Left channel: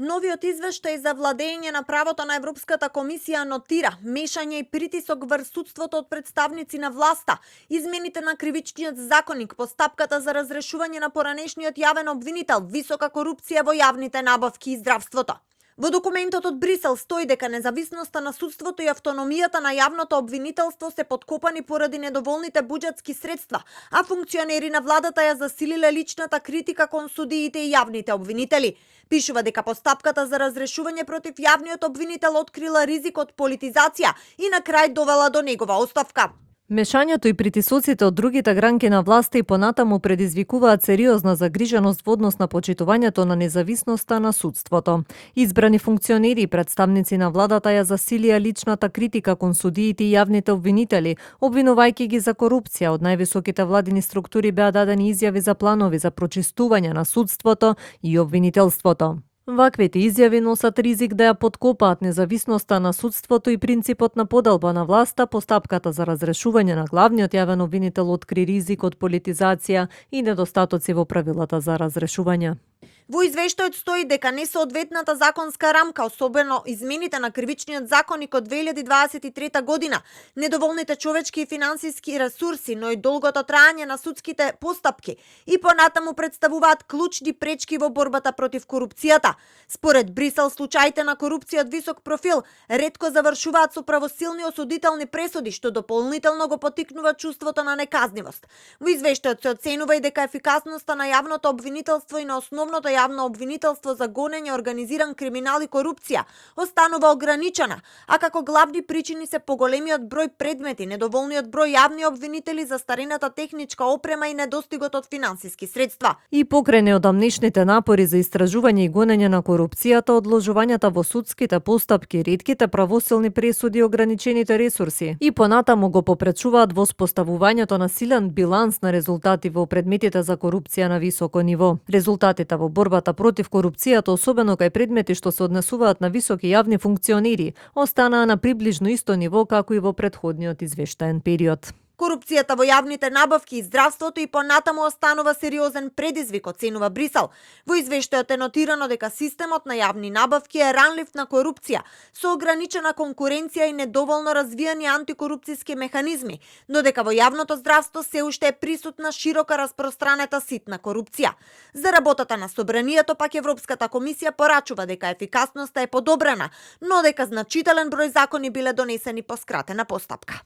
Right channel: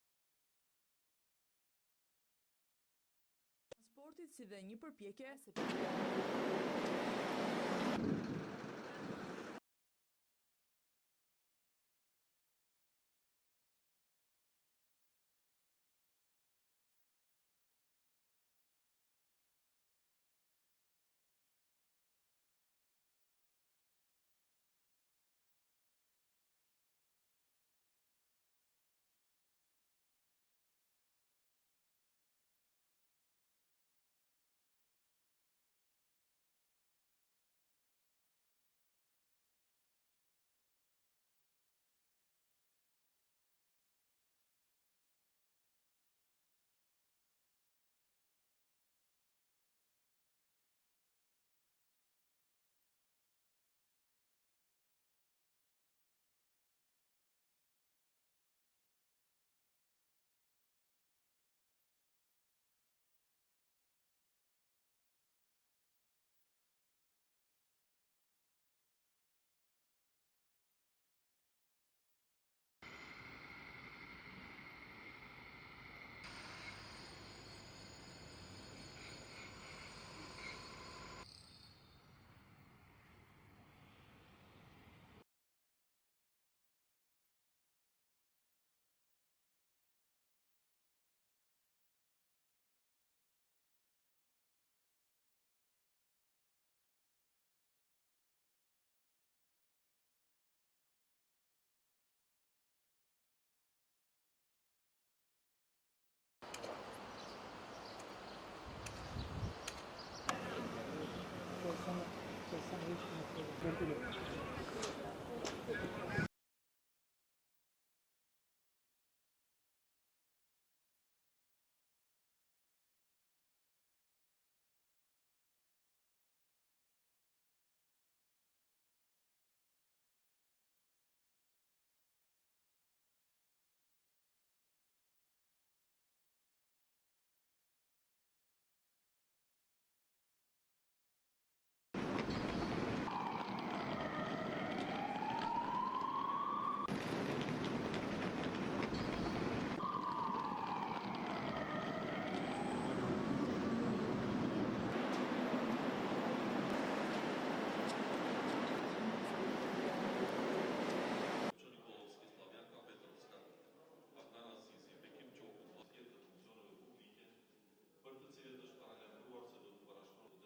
Новиот извештај за владење на правото на Европската комисија нотира мешање и притисок врз судството од представници на власта, измените на кривичниот законник, постапката за разрешување на поранешниот јавен обвинител, висока корупција во јавните набавки и здравството. Во документот од Брисел стои дека независноста на судството и автономијата на јавното обвинителство се подкопани поради недоволните буџетски средства, а функционери на владата ја засилиле личната критика кон судиите и јавните обвинители. Пишува дека постапката за разрешување против јавниот обвинител открила ризик од политизација и на крај довела до негова оставка. Мешањето и притисоците од другите гранки на власта и понатаму предизвикуваат сериозна загриженост во однос на почитувањето на независноста на судството. Избрани функционери и представници на владата ја засилија личната критика кон судиите и јавните обвинители, обвинувајќи ги за корупција. Од највисоките владини структури беа дадени изјави за планови за прочистување на судството и обвинителството. Ваквите изјави носат ризик да ја подкопаат независноста на судството и принципот на поделба на власта. Постапката за разрешување на главниот јавен обвинител откри ризик од политизација и недостатоци во правилата за разрешување. Во извештајот стои дека несоодветната законска рамка, особено измените на кривичниот законник од 2023 година, недоволните човечки и финансиски ресурси, но и долгото траење на судските постапки и понатаму представуваат клучни пречки во борбата против корупцијата. Според Брисел, случаите на корупција од висок профил ретко завршуваат со правосилни осудителни пресуди, што дополнително го поттикнува чувството на неказнивост. Во извештајот се оценува и дека ефикасноста на јавното обвинителство и на основното јавно обвинителство за гонење организиран криминал и корупција останува ограничена, а како главни причини се поголемиот број предмети, недоволниот број јавни обвинители, застарената техничка опрема и недостигот од финансиски средства. И покрај неодамнешните напори за истражување и гонење на корупцијата, одложувањата во судските постапки, ретките правосилни пресуди и ограничените ресурси и понатаму го попречуваат воспоставувањето на силен биланс на резултати во предметите за корупција на високо ниво. Резултатите во борбата против корупцијата, особено кај предмети што се однесуваат на високи јавни функционери, останаа на приближно исто ниво како и во претходниот извештаен период. Корупцијата во јавните набавки и здравството и понатаму останува сериозен предизвик, оценува Брисел. Во извештајот е нотирано дека системот на јавни набавки е ранлив на корупција, со ограничена конкуренција и недоволно развијани антикорупцијски механизми, но дека во јавното здравство се уште е присутна широка распространета ситна корупција. За работата на Собранието пак Европската комисија порачува дека ефикасноста е подобрена, но дека значителен број закони биле донесени по скратена постапка.